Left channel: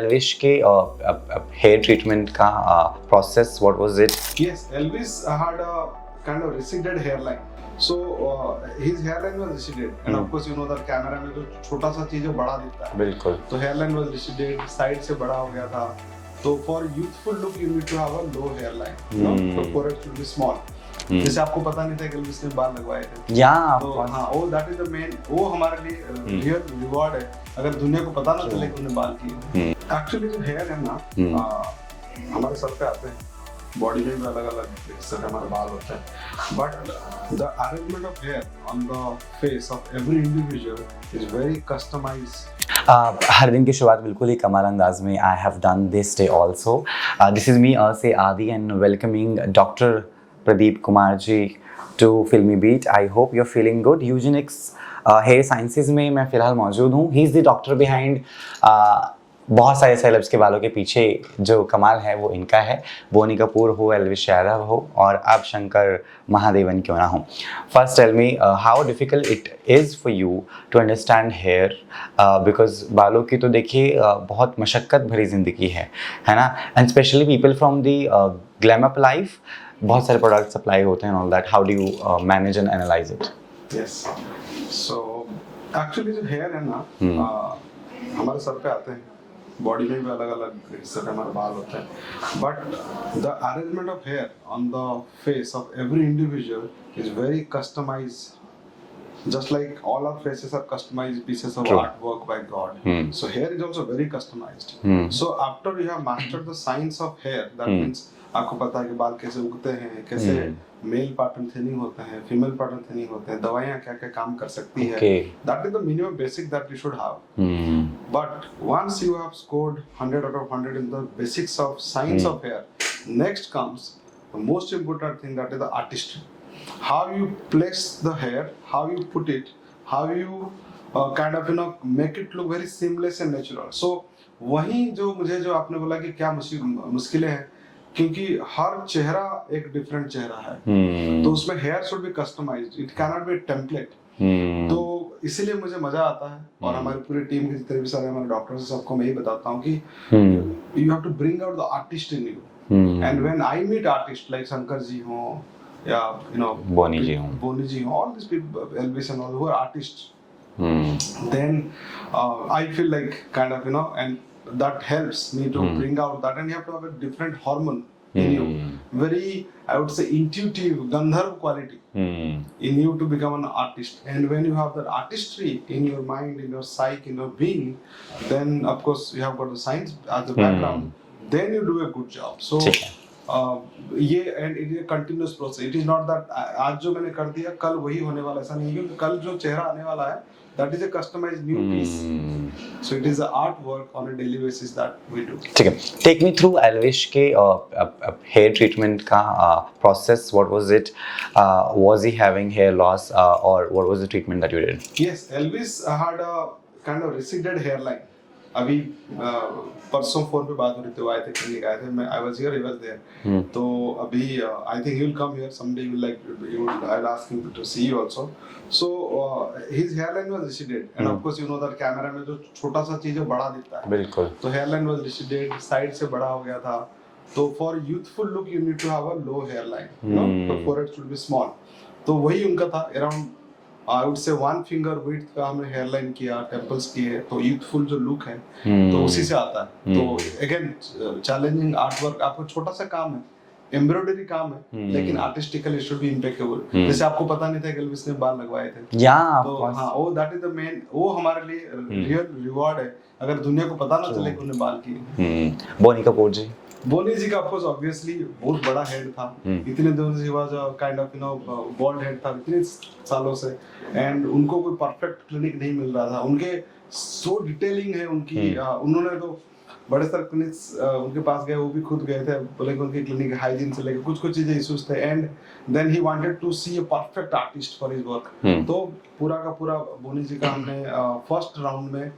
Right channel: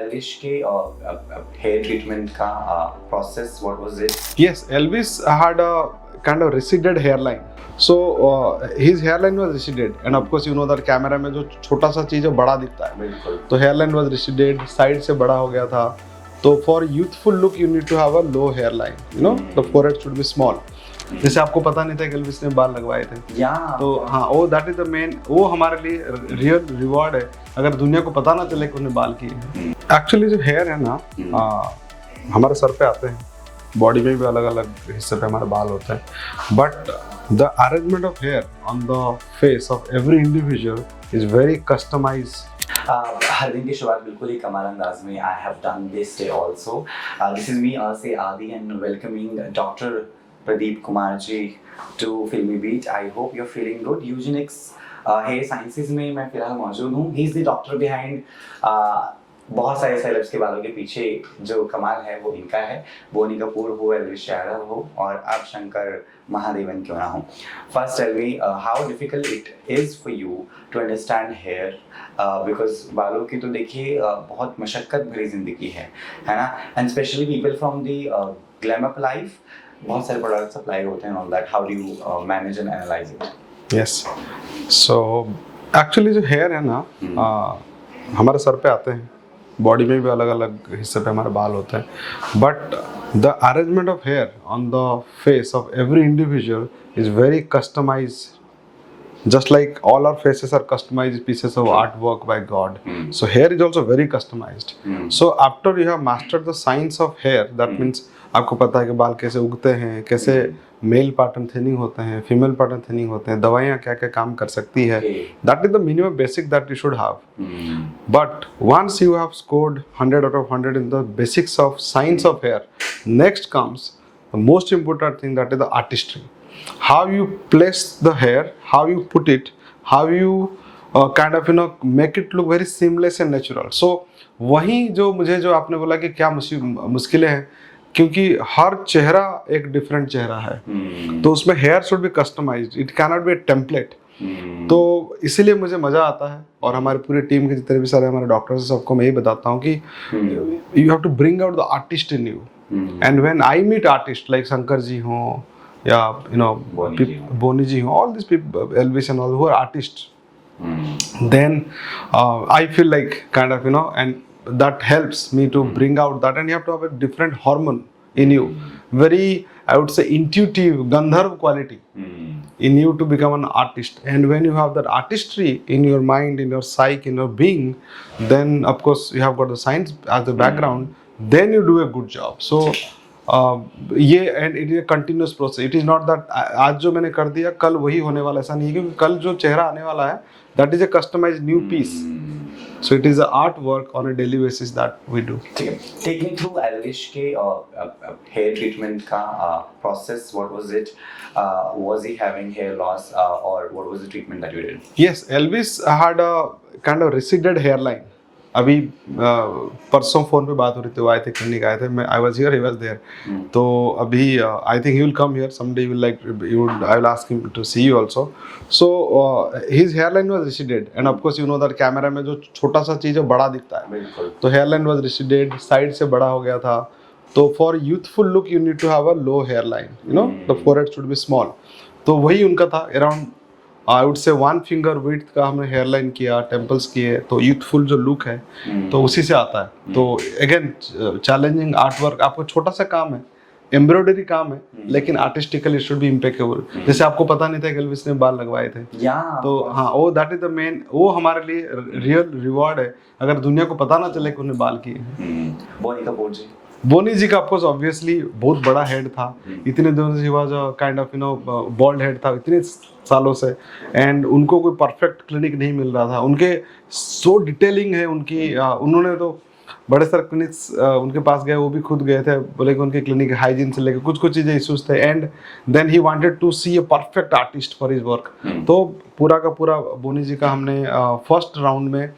एल्विश के hair treatment का process, what was it? Yes, Elvis had a kind of receded hairline. So his hairline was receded, and of course you know that camera में जो छोटा सा चीज है बड़ा दिखता है. बिल्कुल. तो hairline was receded, साइड से बड़ा हो गया था. तो for youthful look you need to have a low hairline. You know, the forehead should be small. जैसे आपको पता नहीं था कि एल्विस ने बाल लगवाए थे. तो हाँ, वो दैट इज द मेन, वो हमारे लिए रियल रिवॉर्ड है अगर दुनिया को पता ना चले कि उन्हें बाल किए. एक्चुअली जो हेयर है ना, हमारे सर पे आते हैं, बॉडी में भी अलग अलग हिस्से पे हमारे बाल होते हैं, but the arrangement of hair on the face of every individual is very customised. हर दिन की शुरुआत बिल्कुल ही कमाल अंदाज में I have done this day also. This is me से Aadi and welcoming doctor Pradeep Kumar ji to Filmy Beat. I hope you're feeling good. Eugenics hair sciences में मैं फिलहाल मौजूद हूँ. He is the doctor behind बहुत सारे celebs के बालों के पीछे जो कमाल है वो इनका है. बोनी कपूर हो, एल्विश यादव हो और अब शंकर महादेवन क्यों ना हो. First tell me how difficult it is for you to understand hair because बालों की तो देखिए बहुत मशक्क़त भरी ज़िंदगी है ना. And especially people from the glam up life, बहुत सारे प्रोडक्ट सप्लाई होते हैं all that. How do you manage and analyse it? Yes, so actually जो हेयर है ना, हमारे सर पे आते हैं, बॉडी में भी अलग अलग हिस्से पे हमारे बाल होते हैं, but the arrangement of hair on the face of every individual is very customised. Just like all our faces are customized pieces of artwork by God, so hair is also very customized. So after you have mastered the science of hair, that means आपको पता है कि बाल कैसे उगते हैं, कैसे male pattern thinning होते हैं, फीमेल पैटर्न थिनिंग होते हैं, दवाइयाँ क्या क्या काम कर सकती है. That is the minimum basic that you should have. But once you have scored 100 out of 100 in the basics of science of hair, next comes the most important thing, that is the artistry. How you place the hair, how you put it, how you kind of make it look very seamless and natural. So वही जो मुझे जो आपने बोला कि क्या मुश्किलें हैं, क्योंकि हर चेहरा एक डिफरेंट चेहरा है, तो उसमें hair should be customised, it can not be a template. तो इसीलिए मुझे मजा आता है और हमारी पूरी टीम के जितने भी सारे हमारे डॉक्टर्स सबको मैं यही बताता हूँ कि you have to bring out the artist in you. And when I meet artist like Shankar ji हो या बोनी जी हो, all these people, Elvis and all, who are artists, then I feel like kind of and that helps me to bring out that, and you have to have a different hormone in you, very, I would say, intuitive Gandharv quality in you to become an artist. And when you have that artistry in your mind, in your psyche, in your being, then of course you have got the science as the background, then you do a good job. So ये and it is a continuous process. It is not that आज जो मैंने कर दिया कल वही होने वाला, ऐसा नहीं है, क्योंकि कल जो चेहरा आने वाला है that is a customised new piece. So it is a art work on a daily basis that we do. ठीक है, टेक मी थ्रू एल्विश के हेयर ट्रीटमेंट का process. What was it? Was he having hair loss और what was the treatment that you did? Yes, Elvish had a kind of receded hairline. अभी परसों phone पे बात हो रही थी, वो आए थे, क्लिनिक आए थे, मैं I was here, he was there. तो अभी I think he will come here someday, will like you, I will ask him to see you also. So his hairline was receded, and of course you know that camera में जो छोटा सा चीज है बड़ा दिखता है. बिल्कुल. तो हेयरलाइन वाज रिसीडेड, साइड से बड़ा हो गया था. तो for youthful look you need to have a low hairline, you know, the forehead should be small. तो वही उनका था. Around I would say 1 finger width का हमने हेयरलाइन किया, टेम्पल्स किए, तो यूथफुल जो लुक है तो उसी से आता है. तो अगेन चैलेंजिंग आर्ट वर्क, आपको छोटा सा काम है, एम्ब्रॉयडरी काम है, लेकिन artistically it should be impeccable. जैसे आपको पता नहीं था कि एल्विस ने बाल लगवाए थे. तो हाँ, वो दैट इज द मेन, वो हमारे लिए रियल रिवॉर्ड है अगर दुनिया को पता ना चले कि उन्हें बाल किए. बोनी कपूर जी, बोनी जी का ऑफकोर्स ऑब्वियसली बहुत बड़ा हेड था. इतने दिनों से he was a kind of bald head था इतने सालों से, एंड उनको कोई परफेक्ट क्लिनिक नहीं मिल रहा था. उनके सो डिटेलिंग है उनकी, उन्होंने तो बड़े सारे क्लिनिक्स उनके पास गए, वो भी खुद गए थे, बोले कि उनकी क्लिनिक हाइजीन से लेकर कुछ चीज़ें इश्यूज थे. And then he wanted to see a perfect artist for his work. तो पूरा का पूरा बोनी जी का हमने फर्स्ट राउंड में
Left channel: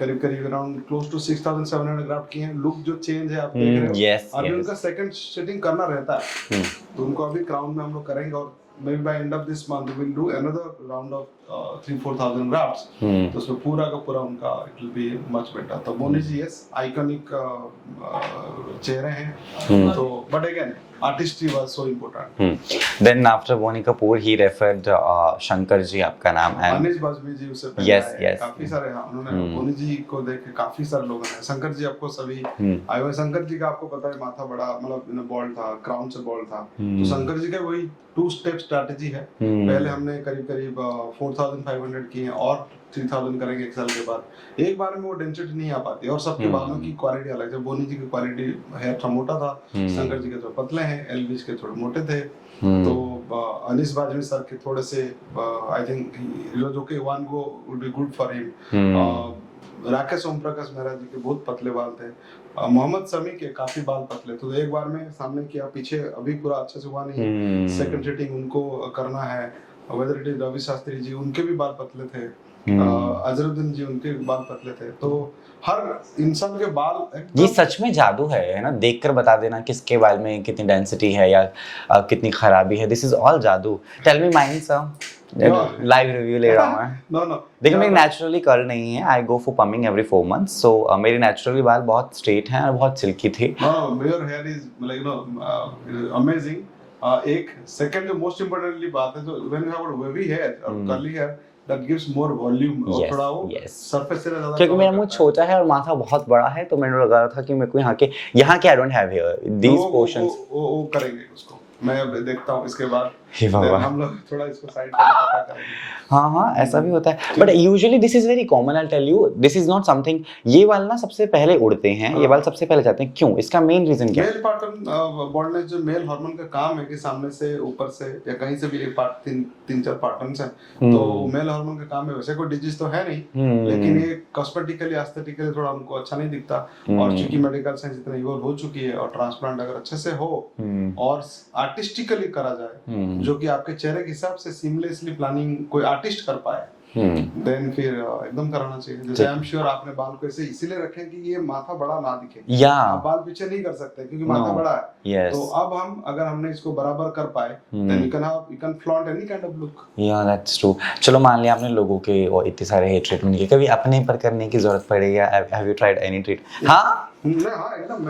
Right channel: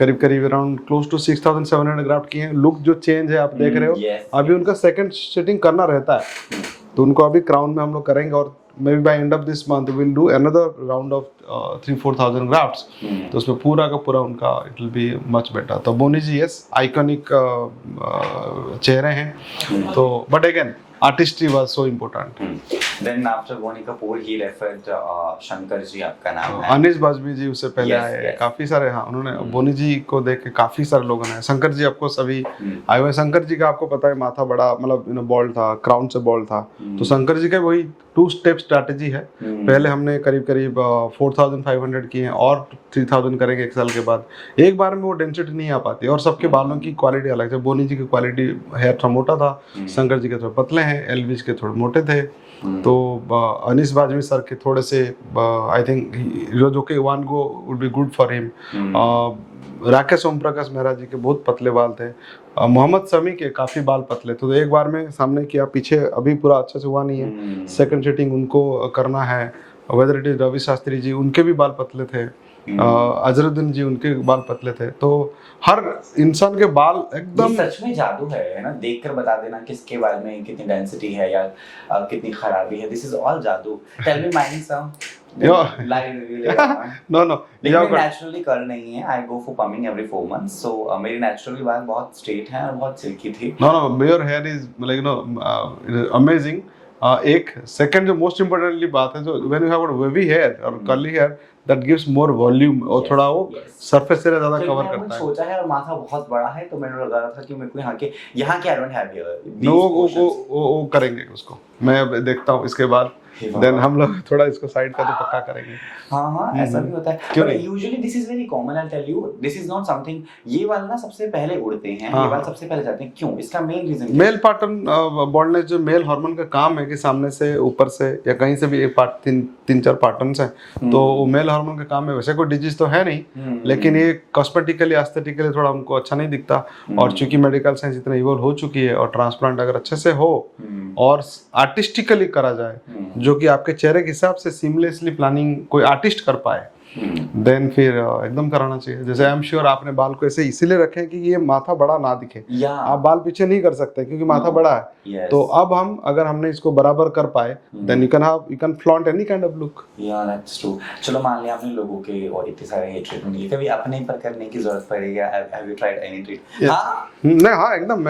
करीब अराउंड क्लोज टू 6700 ग्राफ्ट किए हैं. लुक जो चेंज है आप देख रहे हो. अभी उनका सेकंड सेटिंग करना रहता है, तो उनको अभी क्राउन में हम लोग करेंगे, और maybe by end of this month we will do another round of 3-4 thousand grafts, तो उसमें पूरा का पूरा उनका it will be much better. तो बोनी जी यस आइकॉनिक चेहरे हैं, तो but again artistry was so important. Then after Bonnie Kapoor, he referred Shankar ji आपका नाम है। अनीस बाजमी जी उससे पहले Yes, आए, yes. काफी सारे, हाँ उन्होंने बोनी जी को देख के काफी सारे लोगों ने, शंकर जी आपको सभी आए हुए। शंकर जी का आपको पता है माथा बड़ा, मतलब बॉल्ड था, क्राउन से बॉल्ड था, तो शंकर जी का वही 2 स्टेप स्ट्रैटेजी है। पहले हमने करीब करीब 4500 किए हैं और 3000 करेंगे 1 साल के बाद। एक बार में वो डेंसिटी नहीं आ पाती, और सबके बालों की क्वालिटी अलग है। बोनी जी की क्वालिटी हेयर थोड़ा मोटा था, शंकर जी के थोड़े पतले हैं, एलविश के थोड़े मोटे थे। तो अनीस बाजमी सर के थोड़े से आई थिंक जो कि one go would be good for him. Rakesh Om Prakash Mehra ji के बहुत पतले बाल थे, मोहम्मद शमी के काफी बाल पतले थे। तो एक बार में सामने किया, पीछे अभी पूरा अच्छे से हुआ नहीं है, सेकंड सेटिंग उनको करना है। Whether it is Ravi Shastri ji, उनके भी बाल पतले थे, अजरुद्दीन जी उनके बाल पतले थे। तो हर इंसान के बाल ये एकदम सच में जादू है ना, देखकर बता देना किसके बाल में कितनी डेंसिटी है या कितनी खराबी है। दिस इज ऑल जादू। टेल मी माइन सम लाइव रिव्यू ले रहा हूं मैं। नो देखिए मेरी नेचुरली कर्ल नहीं है, आई go for perming every 4 months, सो मेरी नेचुरली बाल बहुत स्ट्रेट हैं और बहुत सिल्की थी। No your hair is like amazing. एक सेकंड जो मोस्ट इम्पोर्टेंटली बात है, जो when you have wavy hair और curly hair that gives more volume, और Yes, थोड़ा वो yes. सरफेस एरिया ज्यादा क्योंकि कवर मेरा करता मुंह छोटा है और माथा बहुत बड़ा है, तो मैंने लगा रहा था कि मेरे को यहाँ के I don't have here these portions. वो करेंगे उसको, मैं अब देखता हूँ इसके बाद। हे देन भगवान। हम लोग थोड़ा इसको साइड करके पक्का करेंगे। हाँ ऐसा भी होता है, but usually this is very common. I tell you, this is not something. ये बाल ना सबसे पहले उड़ते हैं, ये बाल सबसे पहले जाते हैं, क्यों? इसका मेन रीजन क्या है? मेल पैटर्न बॉल्डनेस जो मेल हार्मोन का काम है कि सामने से, ऊपर से या कहीं से भी एक पार्ट, 3-4 पैटर्न्स हैं, तो वो मेल हार्मोन का काम है। वैसे कोई डिजीज तो है नहीं, लेकिन ये कॉस्मेटिकली एस्थेटिकली थोड़ा हमको अच्छा नहीं दिखता। और चूंकि मेडिकल साइंस इतना इवॉल्व हो चुकी है, और ट्रांसप्लांट अगर अच्छे से हो और आर्टिस्टिकली करा जाए, जो कि आपके चेहरे के हिसाब से सीमलेसली प्लानिंग कोई आर्टिस्ट कर पाए, देन फिर एकदम कराना चाहिए। जैसे आई एम श्योर आपने बाल को ऐसे इसीलिए रखे कि ये माथा बड़ा ना दिखे, या आप बाल पीछे नहीं कर सकते क्योंकि माथा बड़ा है। Yes. तो अब हम अगर हमने इसको बराबर कर पाए, then you can flaunt any kind of look. Yeah that's true. चलो मान लिया आपने लोगों के और इतने सारे हेयर ट्रीटमेंट किए, कभी अपने पर करने की जरूरत पड़ेगी? Have you tried any treat? हाँ नहीं, हाँ एकदम,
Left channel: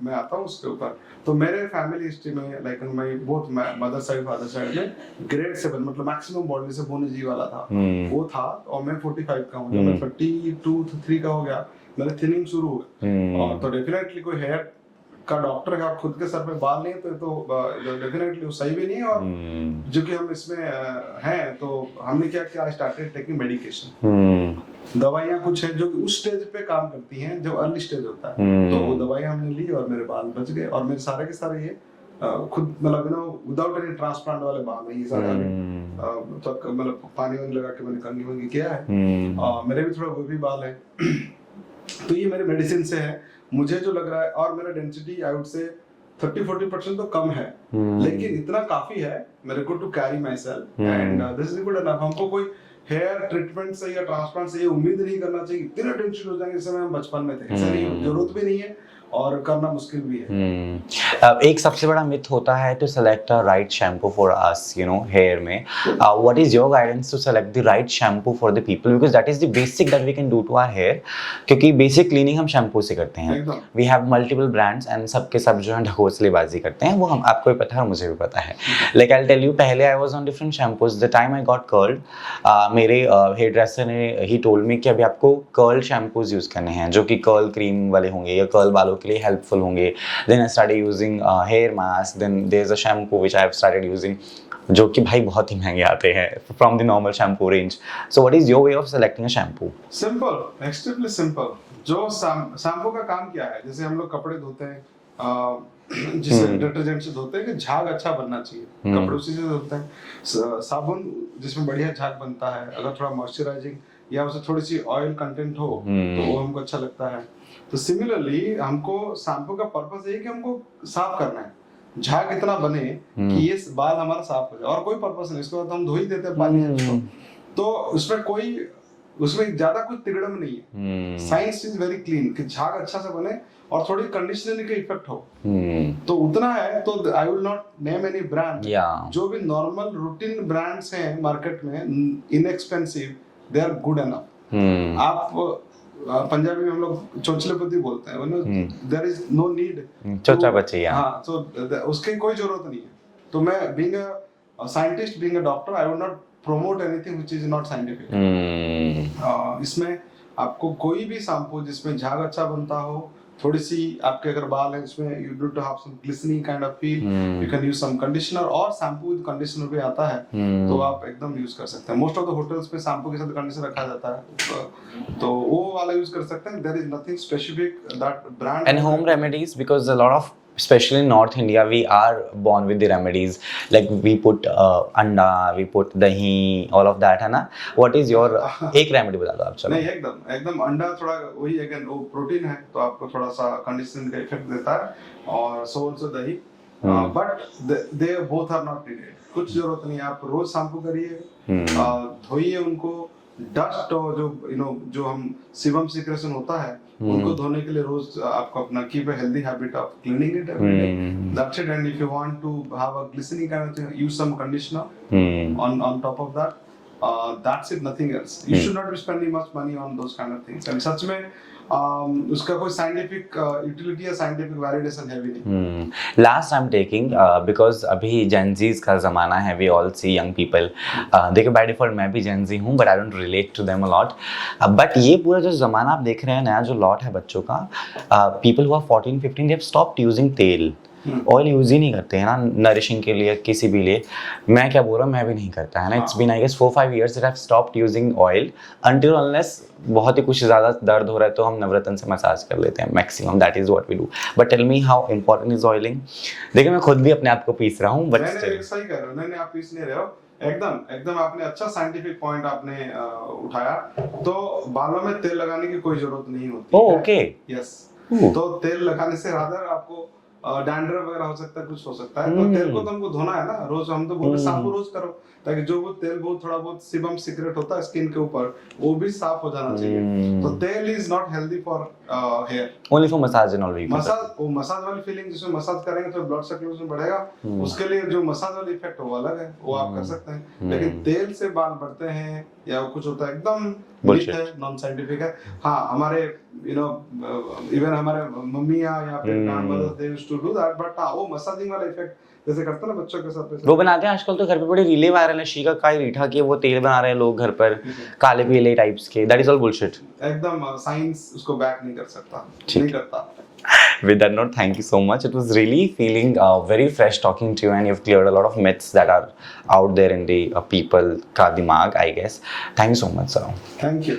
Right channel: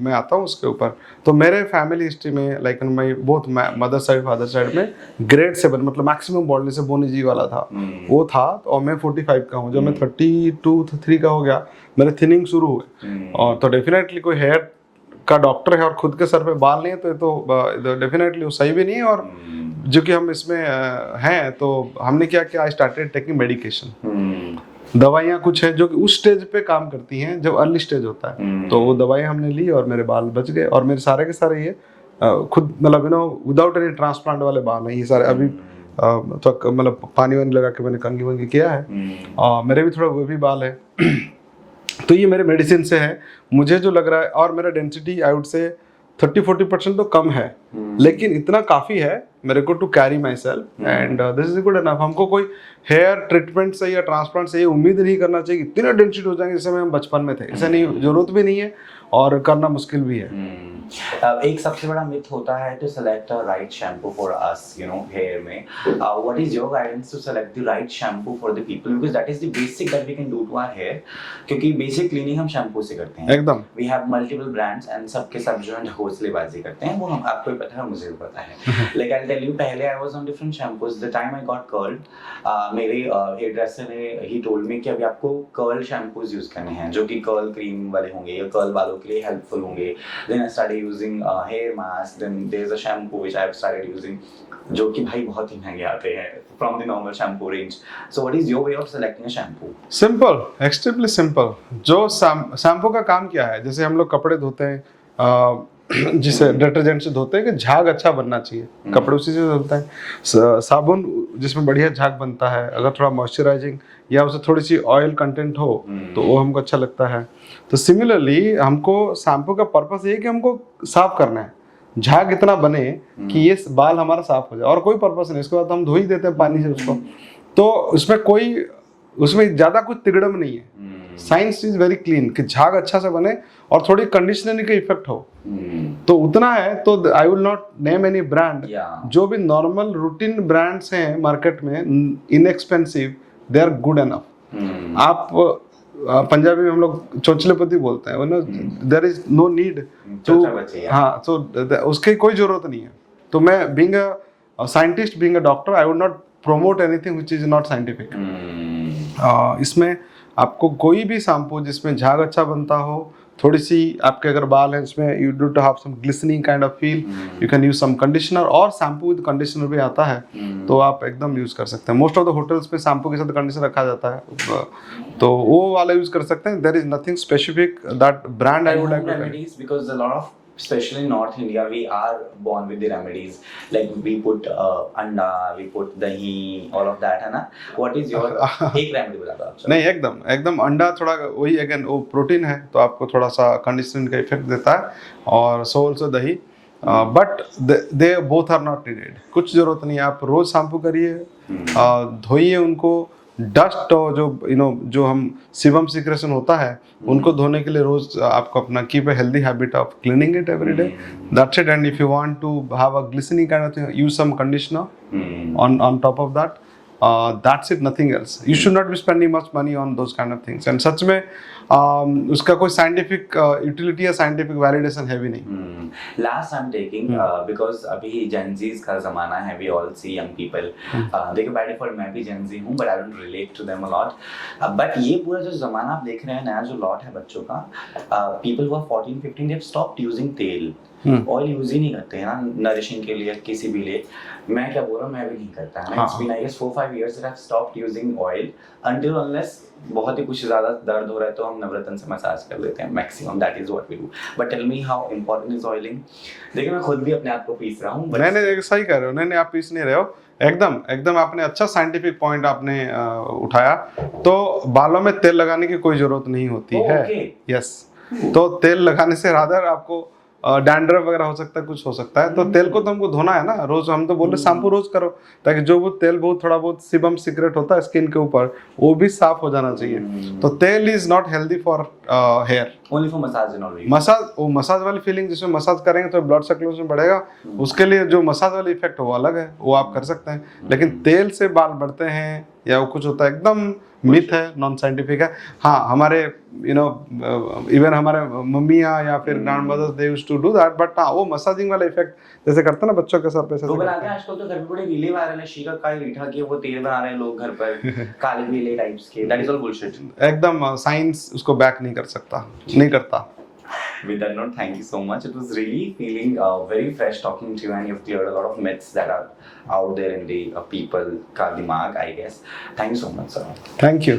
मैं आता हूँ उसके ऊपर। तो मेरे फैमिली हिस्ट्री में like my both mother side father side में ग्रेड 7 मतलब मैक्सिमम बॉडी से बोनी जी वाला था, वो था। और मैं 45 का हूँ, जब मैं 32-3 का हो गया मेरे थिनिंग शुरू हुए। और तो डेफिनेटली कोई हेयर का डॉक्टर है और खुद के सर पे बाल नहीं है तो डेफिनेटली वो सही भी नहीं है। और जो कि हम इसमें हैं, तो हमने क्या किया, आई स्टार्टेड टेकिंग मेडिकेशन। दवाइयाँ कुछ हैं जो कि उस स्टेज पे काम करती हैं जब अर्ली स्टेज होता है, तो वो दवाई हमने ली और मेरे बाल बच गए। और मेरे सारे के सारे ये खुद मतलब विदाउट एनी ट्रांसप्लांट वाले बाल हैं ये सारे। अभी तो मतलब पानी वानी लगा के मैंने कंघी वंगी किया है, और मेरे भी थोड़ा वो भी बाल है। तो ये मेरे मेडिसिन से है, मुझे जो लग रहा है। और मेरा डेंसिटी आई वुड से 30-40% तो कम है, लेकिन इतना काफी है मेरे को to carry myself, and this is good enough. हमको कोई हेयर ट्रीटमेंट से या ट्रांसप्लांट से ये उम्मीद नहीं करना चाहिए कि इतने डेंसिटी हो जाएंगे जैसे हम बचपन में थे। ऐसा नहीं, जरूरत भी नहीं है और करना मुश्किल भी है। एक सबसे बड़ा मिथ होता है to select a right shampoo for us, you know, hair में। What is your guidance to select the right shampoo for the people, because that is the basic that we can do to our hair. क्योंकि basic cleaning हम shampoo से करते हैं एकदम। We have multiple brands and सबके सब जो है ढकोसलेबाजी करते हैं, वो हम आपको भी पता है, मुझे भी पता है। लाइक आई टेल यू, पहले I was on different shampoos. The time I got curled, मेरे हेयर ड्रेसर ने ही टोल्ड मी कि अभी आपको कर्ल शैम्पूज यूज करने हैं जो कि कर्ल क्रीम वाले होंगे या कर्ल वालों के लिए हेल्पफुल होंगे। Then I started using hair mask. Then there's a shampoo which I have started using, जो कि भाई बहुत ही महंगे आते हैं from the normal shampoo range. So what is your way of selecting a shampoo? Simple, extremely simple. जो shampoo का काम क्या है, जैसे हम लोग कपड़े धोते हैं जिसे डिटर्जेंट से धोते हैं कि झाग अच्छा बनना चाहिए, कपड़े उसी से धोते हैं। साबुन जिसमें बढ़िया झाग बनता है, अगर थोड़ा मॉइस्चराइजिंग या उससे थोड़ी सी ऑयल कंटेंट हो तो वो हमको अच्छा लगता है। तो सिमिलरली हमको शैम्पू का पर्पस ये है कि हमको साफ करना है, झाग इतना बने कि ये बाल हमारा साफ हो जाए, और कोई पर्पस नहीं। इसके बाद हम धो ही देते हैं पानी से उसको। तो उसमें कोई उसमें ज्यादा कुछ तिगड़म नहीं है। साइंस इज वेरी क्लीन कि झाग अच्छा से बने और थोड़ी कंडीशनरिंग का इफेक्ट हो, तो उतना है। तो I will not name any brand. जो भी नॉर्मल रूटीन ब्रांड्स हैं मार्केट में inexpensive, they are good enough. आप पंजाबी में हम लोग चोचलेपति बोलते हैं, देयर इज नो नीड चोचा बच्चे। हाँ, तो उसकी कोई जरूरत नहीं है। तो मैं being a scientist, being a doctor, I would not promote anything which is not scientific। इसमें आपको कोई भी शैम्पू जिसमें झाग अच्छा बनता हो, थोड़ी सी आपके अगर बाल हैं इसमें you do to have some glistening kind of feel, you can use some conditioner, और शैम्पू विद कंडीशनर भी आता है, तो आप एकदम यूज कर सकते हैं। मोस्ट ऑफ द होटल्स में शैम्पू के साथ कंडीशनर रखा जाता है, तो वो वाला यूज कर सकते हैं। There is nothing specific that brand. And home remedies, because a lot of, especially in North India, we are born with the remedies, like we put anda, we put dahi, all of that, है ना? What is your एक remedy बता दो आप। चलो। नहीं, एकदम अंडा थोड़ा वही, अगेन वो प्रोटीन है तो आपको थोड़ा सा कंडीशनिंग का इफेक्ट देता है, और सो ऑल्सो दही, but they both are not needed. कुछ जरूरत नहीं है, आप रोज शैम्पू करिए, धोइए उनको। डस्ट और जो हम सीबम सिक्रेशन होता है उनको धोने के लिए रोज आपको अपना keep a healthy habit of cleaning it every day, that's it. And if you want to have a glistening kind of thing, use some conditioner on top of that, that's it, nothing else। You should not be spending much money on those kind of things। and सच में उसका कोई scientific utility या scientific validation है भी नहीं। Last I am taking because अभी Gen Zs का जमाना है, we all see young people. देखिए बाय डिफॉल्ट मैं भी जेनजी हूँ, but I don't relate to them a lot. But ये पूरा जो जमाना आप देख रहे हैं, नया जो लॉट है बच्चों का, people who are 14-15, they have stopped using तेल। ऑयल यूज ही नहीं करते हैं ना, नरिशिंग के लिए, किसी भी लिए। मैं क्या बोल रहा हूँ, मैं भी नहीं करता है ना। It's been I guess 4-5 years that I've stopped using oil until unless बहुत ही कुछ ज़्यादा दर्द हो रहा है तो हम नवरत्न से मसाज कर लेते हैं maximum, that is what we do. But tell me how important is oiling. देखिए मैं खुद भी अपने आप को पीस रहा हूँ, बट नहीं, सही कह रहे हो। नहीं, आप पीस नहीं रहे हो, एकदम आपने अच्छा साइंटिफिक पॉइंट आपने उठाया। तो बालों में तेल लगाने की कोई जरूरत नहीं होती है। Okay, yes. तो तेल लगाने से रादर आपको डैंड्रफ वगैरह हो सकता है, कुछ हो सकता है, तो तेल को तो हमको धोना है ना रोज। हम तो बोल रहे शैम्पू रोज करो, ताकि जो वो तेल बहुत थोड़ा बहुत सीबम सीक्रेट होता है स्किन के ऊपर, वो भी साफ हो जाना चाहिए। तो तेल is not healthy for hair, only for massage and all. Massage वाली फीलिंग, जिसमें मसाज करेंगे तो ब्लड सर्कुलेशन बढ़ेगा, उसके लिए जो मसाज वाली इफेक्ट है वो अलग है, वो आप कर सकते हैं। लेकिन तेल से बाल बढ़ते हैं या वो कुछ होता है, एकदम मिथ है, नॉन साइंटिफिक है। हाँ, हमारे इवन हमारे मम्मियाँ या फिर grandmothers they used to do that, but हाँ, वो मसाजिंग वाला इफेक्ट जैसे करते हैं ना बच्चों के सर पे, वो बनाते हैं आजकल तो घर पे, बड़े रीले वायरल है, शीका काई रीठा के वो तेल बना रहे हैं लोग घर पर, काले पीले टाइप्स के। That is all bullshit. एकदम साइंस उसको बैक नहीं कर सकता, नहीं करता। With that note, thank you so much. It was really feeling very fresh talking to you, and you've cleared a lot of myths that are out there in the people ka dimag, I guess. Thank you so much, sir. Thank you.